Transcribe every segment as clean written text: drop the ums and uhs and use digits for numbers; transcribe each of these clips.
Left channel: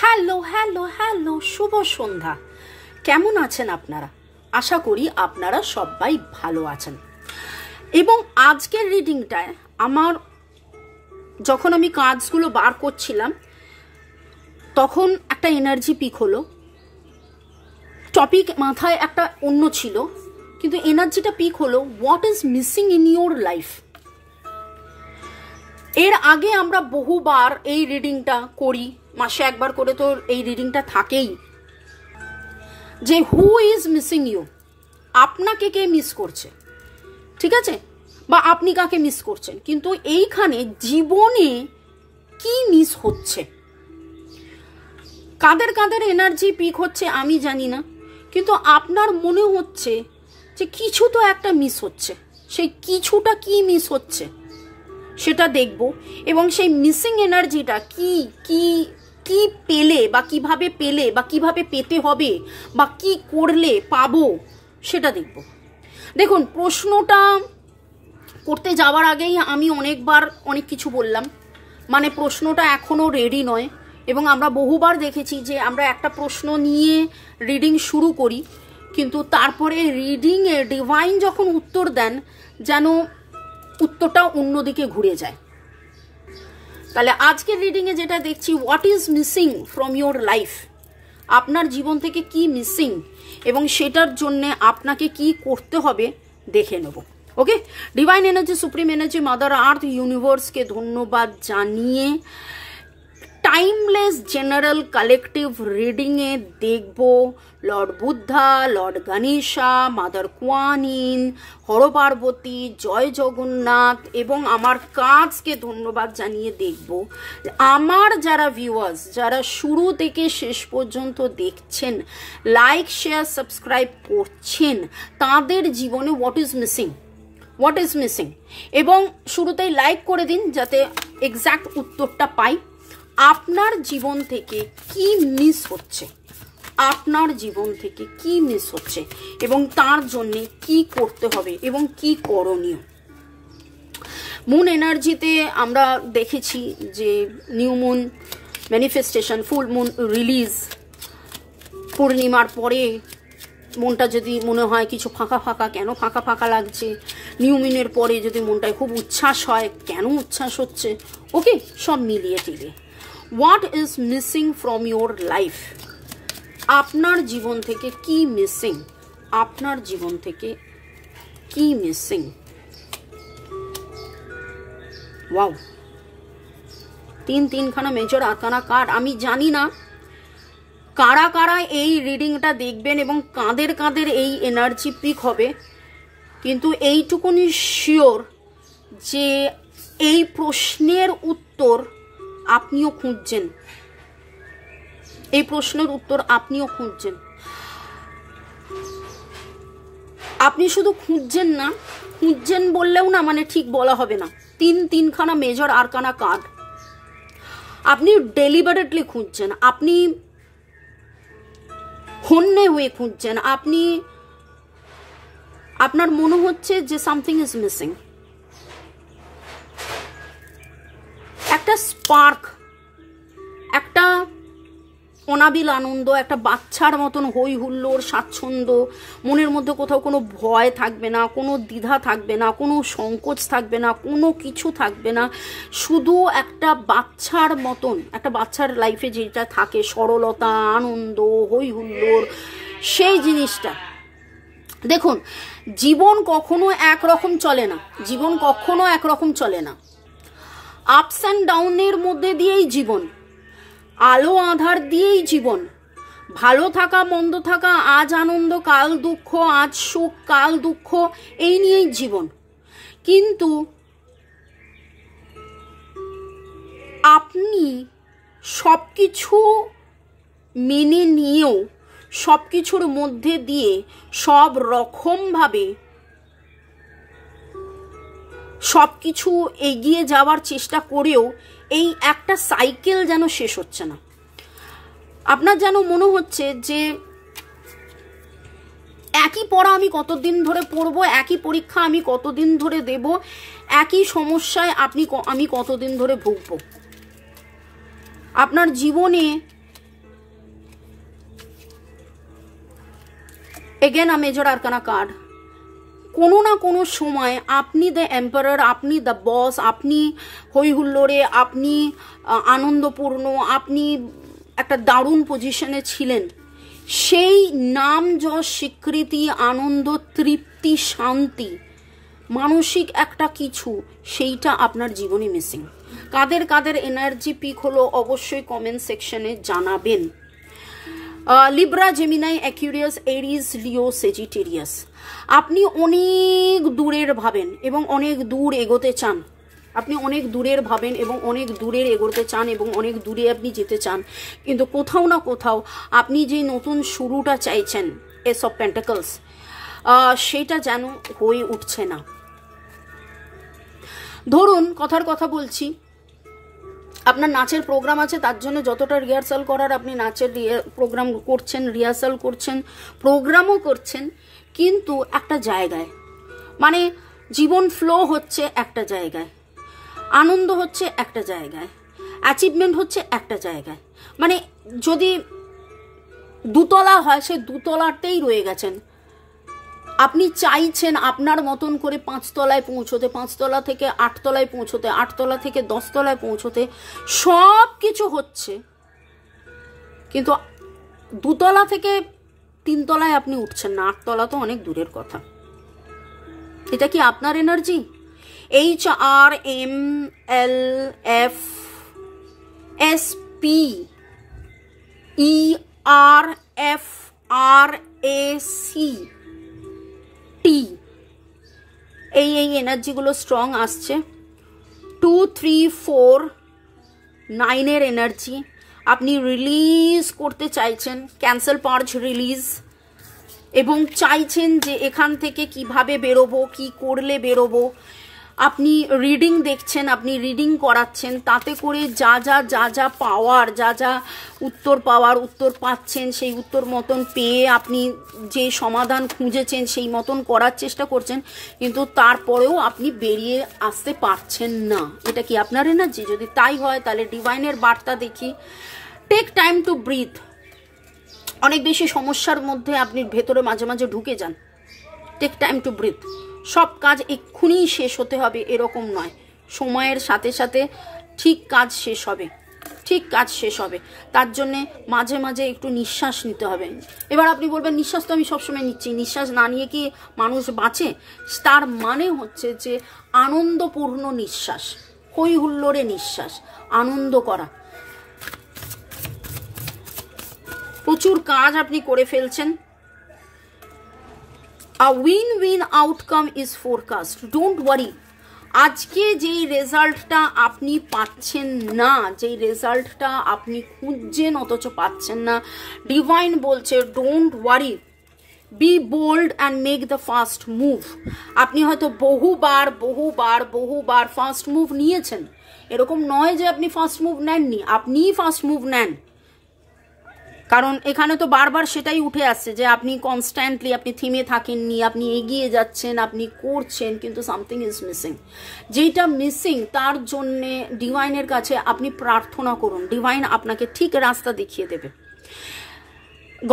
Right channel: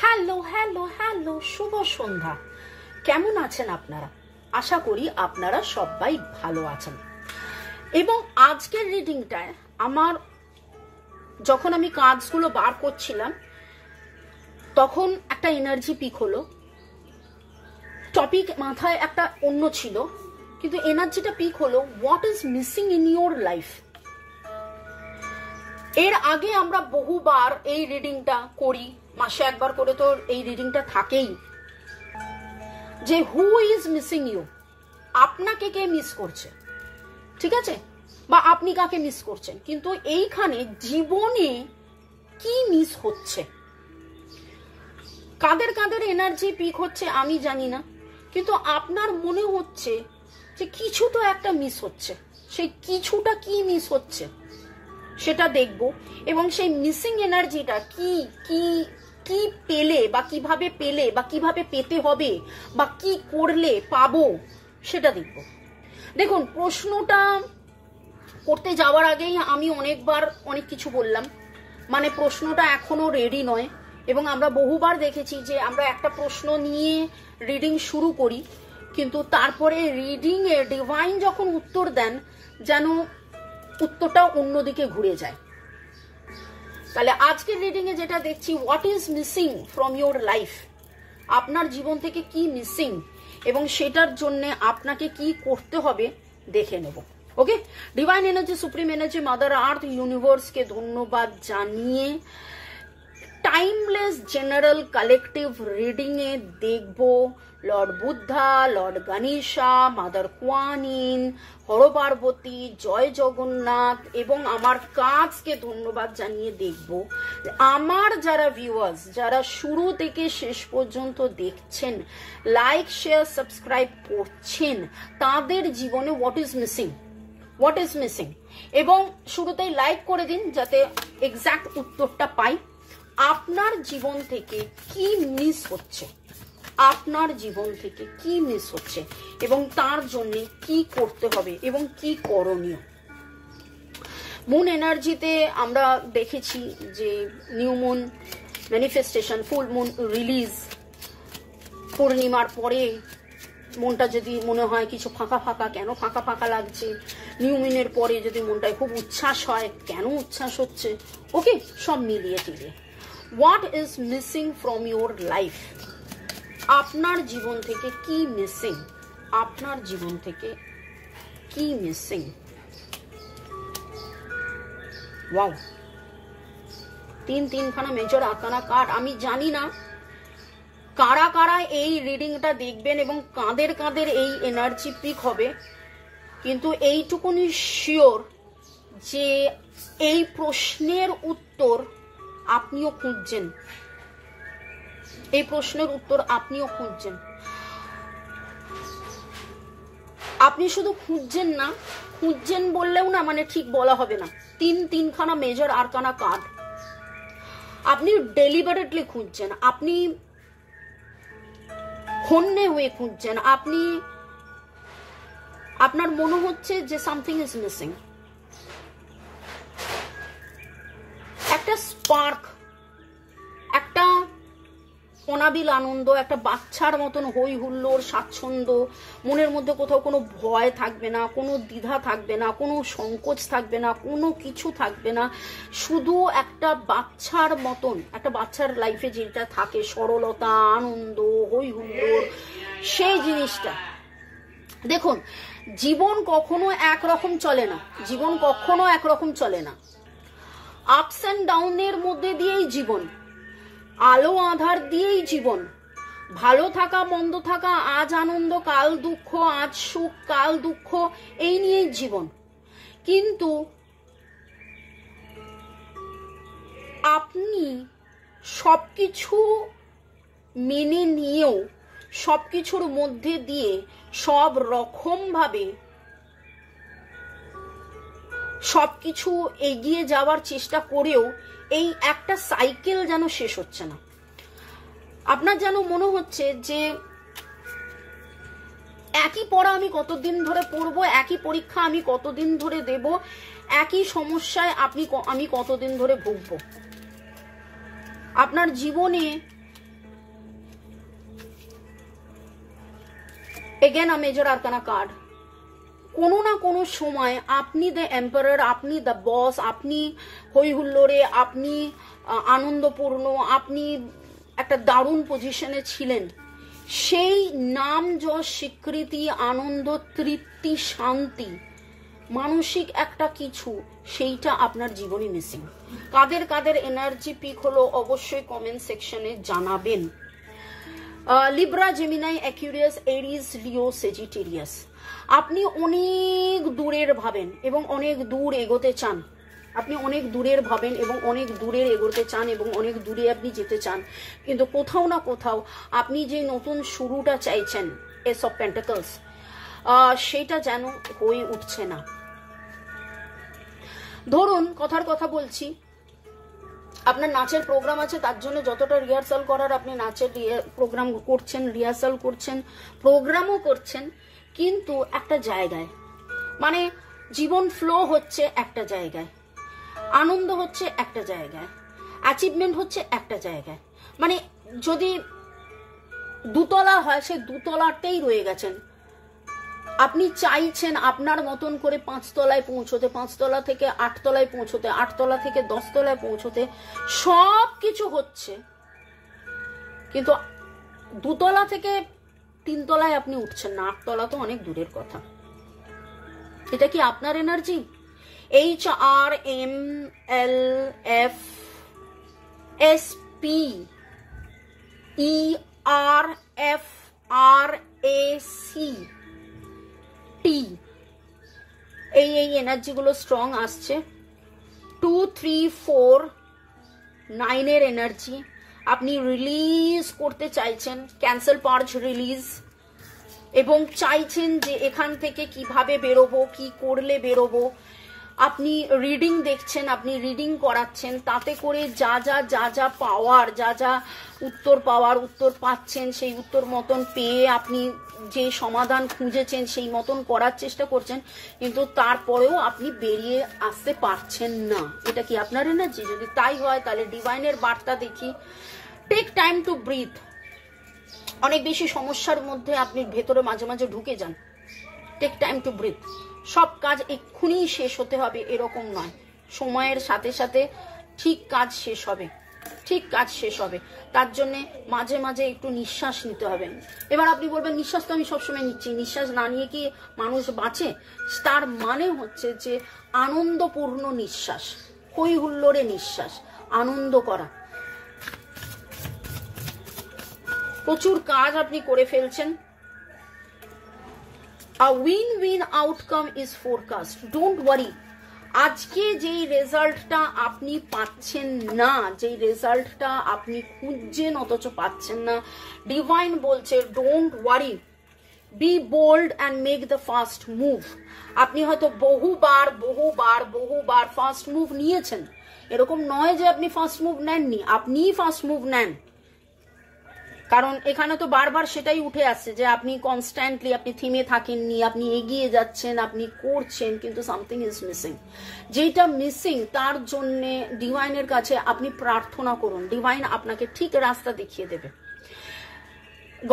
Hello hello hello, শুভ সন্ধ্যা। কেমন আছেন আপনারা? আশা করি আপনারা সবাই ভালো আছেন। এবং আজকের রিডিংটায় আমার যখন আমি কাজগুলো বার করছিলাম তখন একটা এনার্জি পিক হলো। টপিক মাথায় একটা অন্য ছিল, কিন্তু এনার্জিটা পিক হলো what is missing in your life. এর আগে আমরা বহুবার এই রিডিংটা করি, মাসে একবার করে তো এই রিডিংটা থাকেই, যে হু ইজ মিসিং ইউ, আপনাকে কে মিস করছে, ঠিক আছে, বা আপনি কাকে মিস করছেন। কিন্তু এইখানে জীবনে কি মিস হচ্ছে, কাদের কাদের এনার্জি পিক হচ্ছে আমি জানি না, কিন্তু আপনার মনে হচ্ছে যে কিছু তো একটা মিস হচ্ছে। সেই কিছুটা কি মিস হচ্ছে সেটা দেখব, এবং সেই মিসিং এনার্জিটা কি কি কি পেলে বা কিভাবে পেলে বা কিভাবে পেতে হবে বা কি করলে পাবো সেটা দেখব। দেখুন, প্রশ্নটা করতে যাওয়ার আগেই আমি অনেকবার অনেক কিছু বললাম, মানে প্রশ্নটা এখনো রেডি নয়। এবং আমরা বহুবার দেখেছি যে আমরা একটা প্রশ্ন নিয়ে রিডিং শুরু করি, কিন্তু তারপরে রিডিংয়ে ডিভাইন যখন উত্তর দেন যেন উত্তরটা অন্যদিকে ঘুরে যায়। তাহলে আজকের রিডিংয়ে যেটা দেখছি, what is missing from your life, আপনার জীবন থেকে কি মিসিং এবং সেটার জন্য আপনাকে কি করতে হবে দেখে নেব। Okay, divine energy, supreme energy, mother earth, ইউনিভার্সকে ধন্যবাদ জানিয়ে টাইমলেস জেনারেল কালেকটিভ রিডিংয়ে দেখব lord Buddha, lord Ganesha, mother Kuanyin, Har Parvati, জয় জগন্নাথ এবং আমার কাজকে ধন্যবাদ জানিয়ে দেখব আমার যারা ভিউয়ার্স, যারা শুরু থেকে শেষ পর্যন্ত দেখছেন, লাইক শেয়ার সাবস্ক্রাইব করছেন, তাদের জীবনে হোয়াট ইজ মিসিং। এবং শুরুতেই লাইক করে দিন যাতে এক্সাক্ট উত্তরটা পাই। আপনার জীবন থেকে কি মিস হচ্ছে, আপনার জীবন থেকে কি মিস হচ্ছে এবং তার জন্য কি করতে হবে এবং কি করণীয়। মুন এনার্জিতে আমরা দেখেছি যে new moon manifestation, full moon release, পূর্ণিমার পরে মনটা যদি মনে হয় কিছু ফাঁকা ফাঁকা, কেন ফাঁকা ফাঁকা লাগছে, নিউ মুনের পরে যদি মনটায় খুব উচ্ছ্বাস হয়, কেন উচ্ছ্বাস হচ্ছে, ওকে, সব মিলিয়ে টিলিয়ে what is missing from your life, আপনার জীবন থেকে কি মিসিং, আপনার জীবন থেকে কি মিসিং। ওয়াও, তিনখানা মেজর আরকানা কার্ড। আমি জানি না কারা কারা এই রিডিংটা দেখবেন এবং কাদের কাদের এই এনার্জি পিক হবে, কিন্তু এইটুকুনি শিওর যে এই প্রশ্নের উত্তর আপনিও খুঁজছেন, এই প্রশ্নের উত্তর আপনিও খুঁজছেন। আপনি শুধু খুঁজছেন না, খুঁজছেন বললেও না মানে ঠিক বলা হবে না। তিনখানা মেজর আরকানা কার্ড, আপনি ডেলিবারেটলি খুঁজছেন, আপনি হন্যে হয়ে খুঁজছেন, আপনি আপনার মনে হচ্ছে যে সামথিং ইজ মিসিং। একটা স্পার্ক, একটা অনাবিল আনন্দ, একটা বাচ্চার মতন হই হুল্লোড়, স্বাচ্ছন্দ্য, মনের মধ্যে কোথাও কোনো ভয় থাকবে না, কোনো দ্বিধা থাকবে না, কোনো সংকোচ থাকবে না, কোনো কিছু থাকবে না, শুধু একটা বাচ্চার মতন, একটা বাচ্চার লাইফে যেটা থাকে সরলতা, আনন্দ, হই হুল্লোড়, সেই জিনিসটা। দেখুন, জীবন কখনো একরকম চলে না, জীবন কখনো একরকম চলে না, আপস অ্যান্ড ডাউনের মধ্যে দিয়েই জীবন, আলো আধার দিয়েই জীবন, ভালো থাকা মন্দ থাকা, আজ আনন্দ কাল দুঃখ, আজ সুখ কাল দুঃখ, এই নিয়েই জীবন। কিন্তু আপনি সবকিছু মেনে নিয়েও, সবকিছুর মধ্যে দিয়ে সব রকমভাবে সবকিছু এগিয়ে যাওয়ার চেষ্টা করেও এই একটা সাইকেল যেন শেষ হচ্ছে না। আপনার যেন মনে হচ্ছে যে একই পড়া আমি কতদিন ধরে পড়বো, একই পরীক্ষা আমি কতদিন ধরে দেব, একই সমস্যায় আমি কতদিন ধরে ভুগবো। আপনার জীবনে again a major arcana card. কোনো না কোনো সময় আপনি দ্য এম্পারার, আপনি দ্য বস, আপনি হই হুল্লোড়ে, আপনি আনন্দপূর্ণ, আপনি একটা দারুণ পজিশনে ছিলেন, সেই নাম যশ স্বীকৃতি আনন্দ তৃপ্তি শান্তি মানসিক একটা কিছু, সেইটা আপনার জীবনে মিসিং। কাদের কাদের এনার্জি পিক হলো অবশ্যই কমেন্ট সেকশনে জানাবেন। লিব্রা, জেমিনাই, অ্যাকুয়ারিয়াস, এরিস, লিও, সেজিটেরিয়াস, আপনি অনেক দূরের ভাবেন এবং অনেক দূর এগোতে চান। আপনি অনেক দূরের ভাবেন এবং অনেক দূরের এগোতে চান এবং অনেক দূরে আপনি যেতে চান, কিন্তু কোথাও না কোথাও আপনি যে নতুন শুরুটা চাইছেন, এস অফ পেন্টাকলস, সেটা যেন হয়ে উঠছে না। ধরুন কথার কথা বলছি, আপনার নাচের প্রোগ্রাম আছে, তার জন্য যতটা রিহার্সাল করার আপনি নাচের প্রোগ্রাম করছেন, রিহার্সাল করছেন, প্রোগ্রামও করছেন, কিন্তু একটা জায়গায়, মানে জীবন ফ্লো হচ্ছে একটা জায়গায়, আনন্দ হচ্ছে একটা জায়গায়, অ্যাচিভমেন্ট হচ্ছে একটা জায়গায়, মানে যদি দুতলা হয় সে দুতলাতেই রয়ে গেছেন। আপনি চাইছেন আপনার মতন করে 5 তলায় পৌঁছতে, 5 তলা থেকে 8 তলায় পৌঁছতে, 8 তলা থেকে 10 তলায় পৌঁছতে, সব কিছু হচ্ছে, কিন্তু 2 তলা থেকে 3 তলায় আপনি উঠছেন না, 8 তলা তো অনেক দূরের কথা। এটা কি আপনার এনার্জি? HRMLFERFRAC এই এনার্জিগুলো স্ট্রং আসছে। 2, 3, 4, 9 এনার্জি আপনি রিলিজ করতে চাইছেন, ক্যান্সেল পার্জ রিলিজ, এবং চাইছেন যে এখান থেকে কিভাবে বেরোবো, কি করলে বেরোবো। আপনি রিডিং দেখছেন, আপনি রিডিং করাচ্ছেন, তাতে করে যা যা পাওয়ার, যা উত্তর পাওয়ার উত্তর পাচ্ছেন, সেই উত্তর মতন পেয়ে আপনি যে সমাধান খুঁজেছেন সেই মতন করার চেষ্টা করছেন, কিন্তু তারপরেও আপনি বেরিয়ে আসতে পারছেন না। এটা কি আপনার এনার্জি? যদি তাই হয় তাহলে ডিভাইনের বার্তা দেখি, টেক টাইম টু ব্রিথ। অনেক বেশি সমস্যার মধ্যে আপনি ভেতরে মাঝে মাঝে ঢুকে যান, টেক টাইম টু ব্রিথ। সব কাজ এক্ষুনি শেষ হতে হবে এরকম নয়, সময়ের সাথে সাথে ঠিক কাজ শেষ হবে, ঠিক কাজ শেষ হবে। তার জন্যে মাঝে মাঝে একটু নিঃশ্বাস নিতে হবে। এবার আপনি বলবেন নিঃশ্বাস তো আমি সবসময় নিচ্ছি, নিঃশ্বাস না নিয়ে কি মানুষ বাঁচে? তার মানে হচ্ছে যে আনন্দপূর্ণ নিঃশ্বাস, হই হুল্লোড়ে নিঃশ্বাস, আনন্দ করা। প্রচুর কাজ আপনি করে ফেলছেন। A win-win outcome is forecast. Don't worry. আজকে যেই রেজাল্টটা আপনি পাচ্ছেন না, যেই রেজাল্টটা আপনি খুঁজছেন অথচ পাচ্ছেন না, ডিভাইন বলছে don't worry, be bold and make the first move. আপনি হয়তো বহুবার ফার্স্ট মুভ নিয়েছেন, এরকম নয় যে আপনি ফার্স্ট মুভ নেননি, আপনিই ফার্স্ট মুভ নেন। কারণ এখানে তো বারবার সেটাই উঠে আসছে যে আপনি কনস্ট্যান্টলি, আপনি থেমে থাকেননি, আপনি এগিয়ে যাচ্ছেন, আপনি করছেন, কিন্তু সামথিং ইজ মিসিং। যেটা মিসিং তার জন্যে ডিভাইনের কাছে আপনি প্রার্থনা করুন, ডিভাইন আপনাকে ঠিক রাস্তা দেখিয়ে দেবে।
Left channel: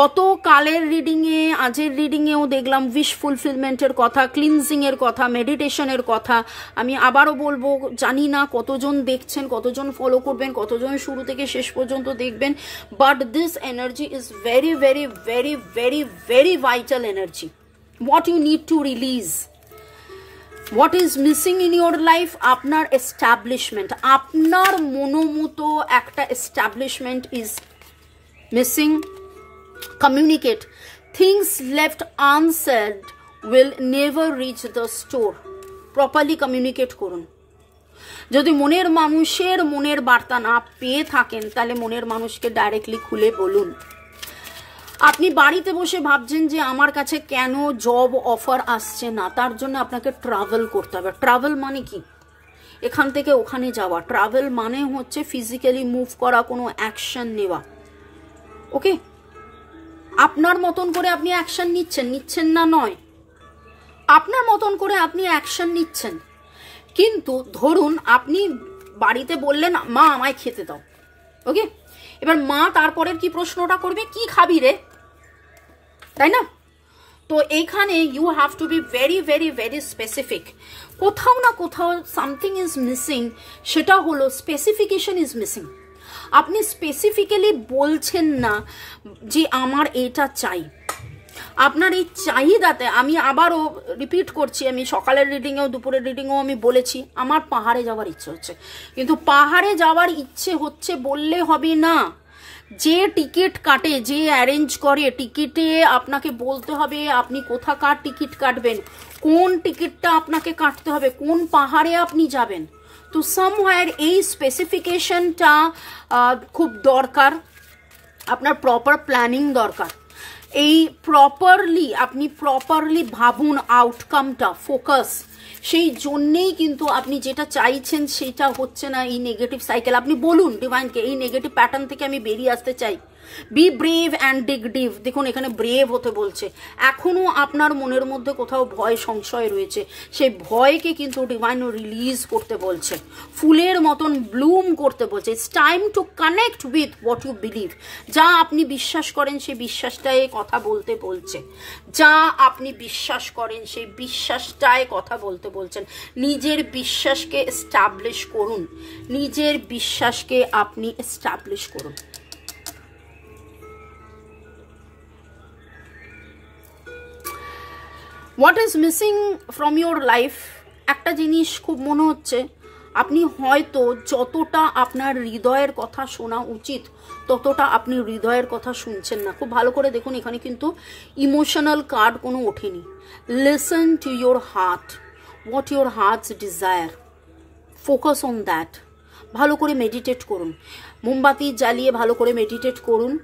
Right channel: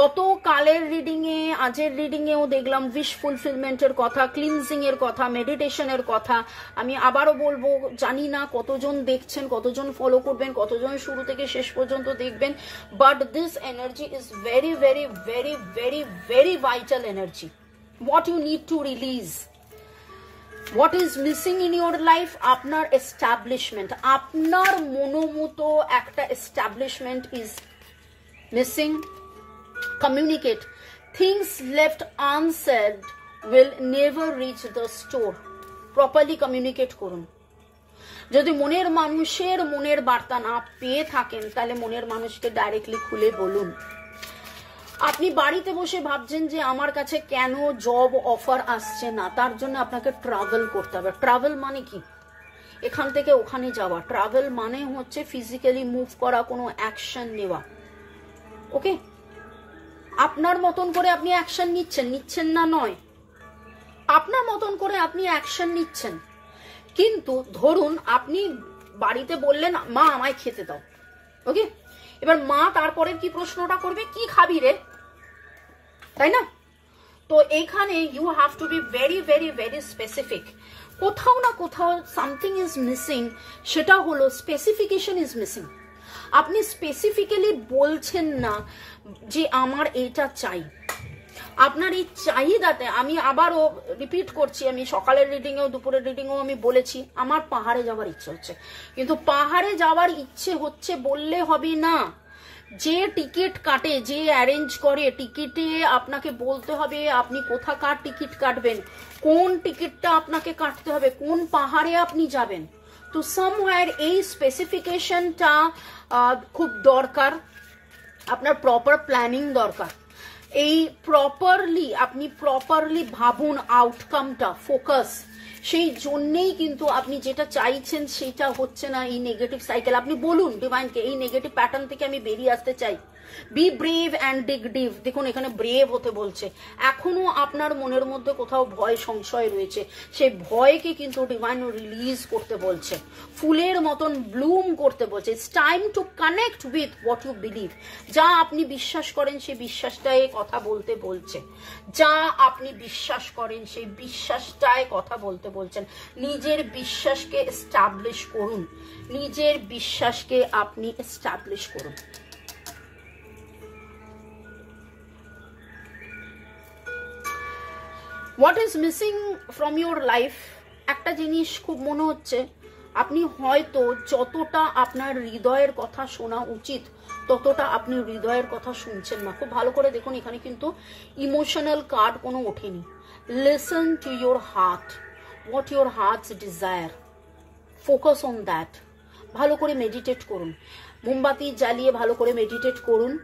গতকালের রিডিংয়ে, আজের রিডিংয়েও দেখলাম উইশ ফুলফিলমেন্টের কথা, ক্লিনজিংয়ের কথা, মেডিটেশনের কথা। আমি আবারও বলবো, জানি না কতজন দেখছেন, কতজন ফলো করবেন, কতজন শুরু থেকে শেষ পর্যন্ত দেখবেন, but this energy is very very very very very vital energy. What you need to release, what is missing in your life, আপনার এস্টাবলিশমেন্ট, আপনার মনোমতো একটা establishment is missing. Communicate. Things left unsaid will never reach the store. Properly communicate করুন। যদি মনের মানুষের মনের বার্তা না পেয়ে থাকেন তাহলে মনের মানুষকে ডাইরেক্টলি খুলে বলুন। আপনি বাড়িতে বসে ভাবছেন যে আমার কাছে কেন জব অফার আসছে না, তার জন্য আপনাকে ট্রাভেল করতে হবে। ট্রাভেল মানে কি? এখান থেকে ওখানে যাওয়া। ট্রাভেল মানে হচ্ছে ফিজিক্যালি মুভ করা, কোনো অ্যাকশন নেওয়া। ওকে, আপনার মতন করে আপনি অ্যাকশন নিচ্ছেন না নয়, আপনার মতন করে আপনি অ্যাকশন নিচ্ছেন, কিন্তু ধরুন আপনি বাড়িতে বললেন মা আমায় খেতে দাও, ওকে, এবার মা তারপরের কি প্রশ্নটা করবে, কি খাবি রে, তাই না? তো এইখানে you have to be very very very specific. কোথাও না কোথাও সামথিং ইজ মিসিং, সেটা হলো স্পেসিফিকেশন ইজ মিসিং। আপনি স্পেসিফিক্যালি বলছেন না যে আমার এটা চাই। আপনার এই চাহিদাতে, আমি আবারও রিপিট করছি, আমি সকালের রিডিংয়েও দুপুরের রিডিংয়েও আমি বলেছি আমার পাহাড়ে যাওয়ার ইচ্ছে হচ্ছে, কিন্তু পাহাড়ে যাওয়ার ইচ্ছে হচ্ছে বললে হবে না। যে টিকিট কাটে, যে অ্যারেঞ্জ করে, টিকিটে আপনাকে বলতে হবে আপনি কোথাকার টিকিট কাটবেন, কোন টিকিটটা আপনাকে কাটতে হবে, কোন পাহাড়ে আপনি যাবেন। তো সামওয়্যার এই স্পেসিফিকেশনটা খুব দরকার, আপনার প্রপার প্ল্যানিং দরকার। এই আপনি প্রপারলি ভাবুন আউটকামটা, ফোকাস। সেই জন্যেই কিন্তু আপনি যেটা চাইছেন সেটা হচ্ছে না, এই নেগেটিভ সাইকেল। আপনি বলুন ডিভাইনকে এই নেগেটিভ প্যাটার্ন থেকে আমি বেরিয়ে আসতে চাই। Be brave and dig deep. দেখুন এখানে ব্রেভ হতে বলছে। এখনো আপনার মনের মধ্যে কোথাও ভয় সংশয় রয়েছে, সেই ভয়কে কিন্তু ডিভাইন রিলিজ করতে বলছে, ফুলের মতন ব্লুম করতে বলছে। It's time to connect with what you believe. যা আপনি বিশ্বাস করেন সেই বিশ্বাসটায় কথা বলতে বলছে, যা আপনি বিশ্বাস করেন সেই বিশ্বাসটায় কথা বলতে বলছেন। নিজের বিশ্বাসকে এস্টাবলিশ করুন, নিজের বিশ্বাসকে আপনি এস্টাবলিশ করুন। What is missing from your life? একটা জিনিস খুব মনে হচ্ছে, আপনি হয়তো যতটা আপনার হৃদয়ের কথা শোনা উচিত ততটা আপনি হৃদয়ের কথা শুনছেন না। খুব ভালো করে দেখুন, এখানে কিন্তু ইমোশনাল কার্ড কোনো ওঠেনি। Listen to your heart, what your hertz desire, focus on that. ভালো করে মেডিটেট করুন, মোমবাতি জ্বালিয়ে ভালো করে মেডিটেট করুন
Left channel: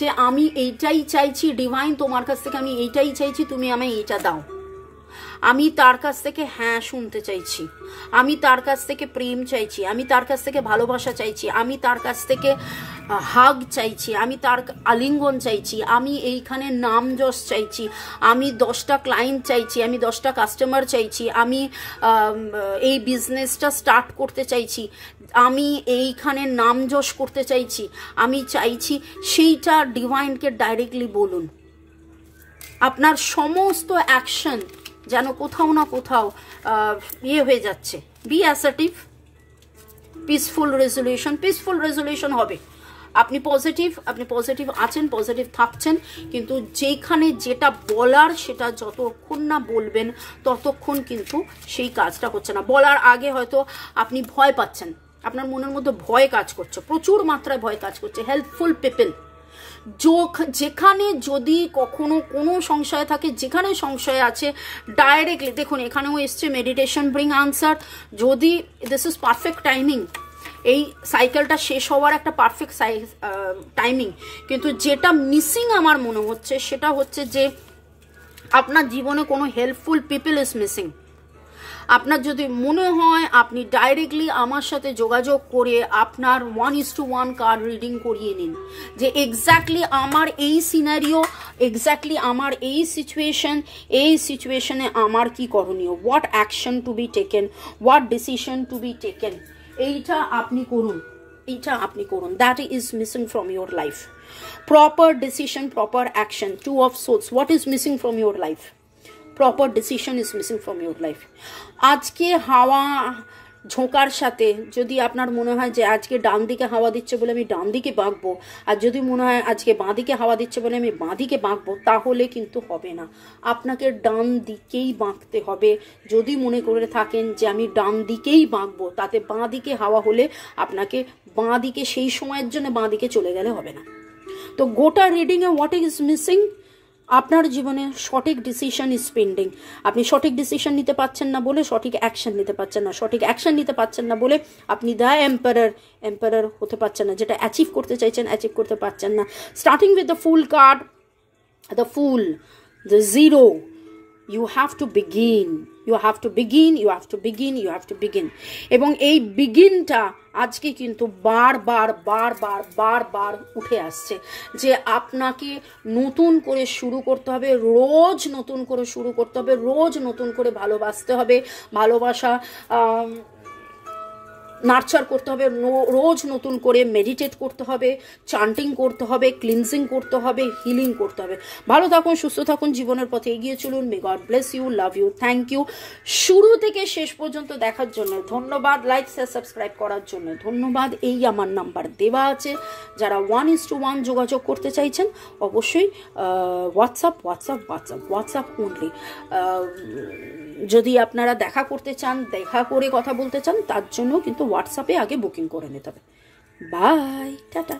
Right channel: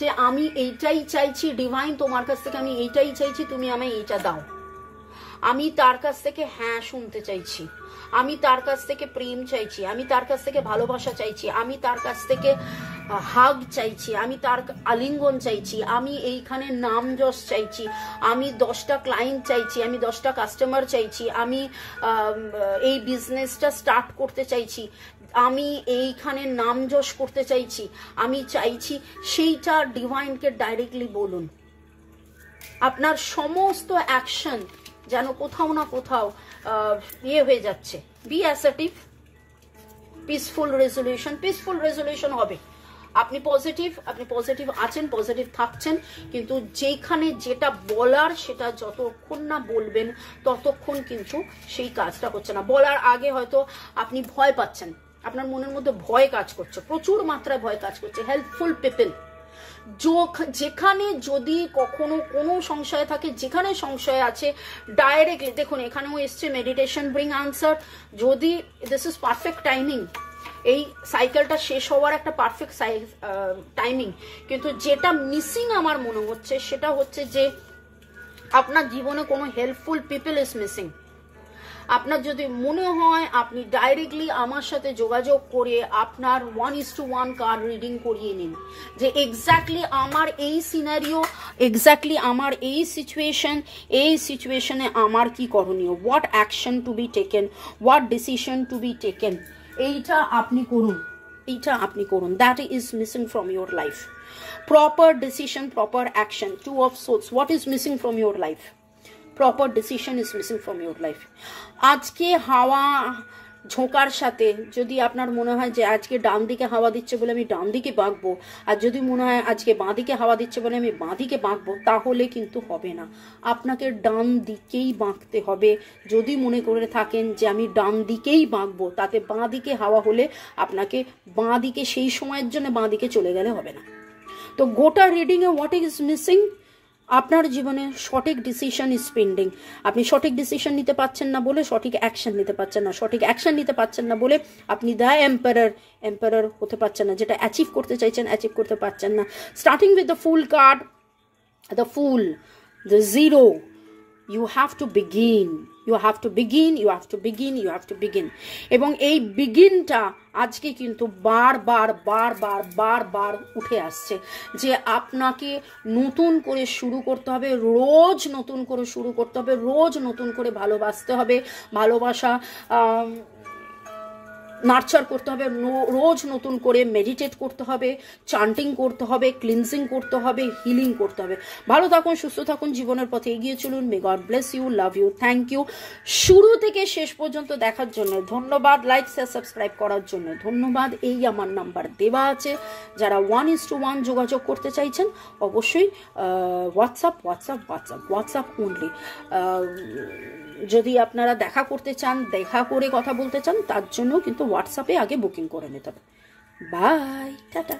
যে আমি এইটাই চাইছি ডিভাইন, তোমার কাছ থেকে আমি এইটাই চাইছি, তুমি আমায় এইটা দাও। আমি তার কাছ থেকে হ্যাঁ শুনতে চাইছি, আমি তার কাছ থেকে প্রেম চাইছি, আমি তার কাছ থেকে ভালোবাসা চাইছি, আমি তার কাছ থেকে হাগ চাইছি, আমি তার আলিঙ্গন চাইছি, আমি এইখানে নাম যশ চাইছি, আমি 10টা ক্লায়েন্ট চাইছি, আমি 10টা কাস্টমার চাইছি, আমি এই বিজনেসটা স্টার্ট করতে চাইছি, আমি এইখানে নাম যশ করতে চাইছি, আমি চাইছি। সেইটা ডিভাইনকে ডাইরেক্টলি বলুন। আপনার সমস্ত অ্যাকশন যেন কোথাও না কোথাও হয়ে যাচ্ছে। বি অ্যাসার্টিভ, পিসফুল রেজলিউশন হবে। আপনি পজিটিভ আছেন, পজিটিভ থাকছেন, কিন্তু যেখানে যেটা বলার সেটা যতক্ষণ না বলবেন ততক্ষণ কিন্তু সেই কাজটা হচ্ছে না। বলার আগে হয়তো আপনি ভয় পাচ্ছেন, আপনার মনের মধ্যে ভয় কাজ করছে, প্রচুর মাত্রায় ভয় কাজ করছে। হেল্পফুল পিপল, যেখানে যদি কখনো কোনো সংশয় থাকে, যেখানে সংশয় আছে ডাইরেক্টলি দেখুন এখানেও এসছে মেডিটেশন ব্রিং আনসার। যদি দিস ইজ পারফেক্ট টাইমিং, এই সাইকেলটা শেষ হওয়ার একটা পারফেক্ট টাইমিং, কিন্তু যেটা মিসিং আমার মনে হচ্ছে সেটা হচ্ছে যে আপনার জীবনে কোনো হেল্পফুল পিপল ইজ মিসিং। আপনার যদি মনে হয় আপনি ডাইরেক্টলি আমার সাথে যোগাযোগ করে আপনার 1:1 কার্ড রিডিং করিয়ে নিন, যে এক্স্যাক্টলি আমার এই সিনারিও, এক্স্যাক্টলি আমার এই সিচুয়েশনে আমার কি করণীয়, what action to be taken, what decision two be taken, এইটা আপনি করুন। That is missing from your life. Proper decision, proper action. 2 of Swords, what is missing from your life? Proper decision is missing from your life. আজকে হাওয়া ঝোঁকার সাথে যদি আপনার মনে হয় যে আজকে ডান দিকে হাওয়া দিচ্ছে বলে আমি ডান দিকে বাঁকবো, আর যদি মনে হয় আজকে বাঁ দিকে হাওয়া দিচ্ছে বলে আমি বাঁ দিকে বাঁকবো, তাহলে কিন্তু হবে না। আপনাকে ডান দিকেই বাঁকতে হবে। যদি মনে করে থাকেন যে আমি ডান দিকেই বাঁকবো, তাতে বাঁ দিকে হাওয়া হলে আপনাকে বাঁ দিকে সেই সময়ের জন্য বাঁ দিকে চলে গেলে হবে না। তো গোটা রিডিংয়ে হোয়াট ইজ মিসিং? আপনার জীবনে সঠিক ডিসিশন ইজ পেন্ডিং। আপনি সঠিক ডিসিশন নিতে পারছেন না বলে সঠিক অ্যাকশন নিতে পারছেন না, সঠিক অ্যাকশন নিতে পারছেন না বলে আপনি দ্য এম্পারার হতে পারছেন না। যেটা অ্যাচিভ করতে চাইছেন অ্যাচিভ করতে পারছেন না। Starting with the fool card, the full, the zero, you have to begin. এবং এই বিগিনটা আজকে কিন্তু বারবার উঠে আসছে যে আপনাকে নতুন করে শুরু করতে হবে, রোজ নতুন করে শুরু করতে হবে, রোজ নতুন করে ভালোবাসতে হবে। ভালোবাসা নার্চার করতে হবে, রোজ নতুন করে মেডিটেট করতে হবে, চান্টিং করতে হবে, ক্লিনজিং করতে হবে, হিলিং করতে হবে। ভালো থাকুন, সুস্থ থাকুন, জীবনের পথে এগিয়ে চলুন। May God bless you, love you, thank you. শুরু থেকে শেষ পর্যন্ত দেখার জন্য ধন্যবাদ, লাইক শেয়ার সাবস্ক্রাইব করার জন্য ধন্যবাদ। এই আমার নাম্বার দেওয়া আছে, যারা 1:1 যোগাযোগ করতে চাইছেন অবশ্যই হোয়াটসঅ্যাপ অনলি। যদি আপনারা দেখা করতে চান, দেখা করে কথা বলতে চান, তার জন্য কিন্তু হোয়াটসঅ্যাপে আগে বুকিং করে নিতে হবে। Bye, tata.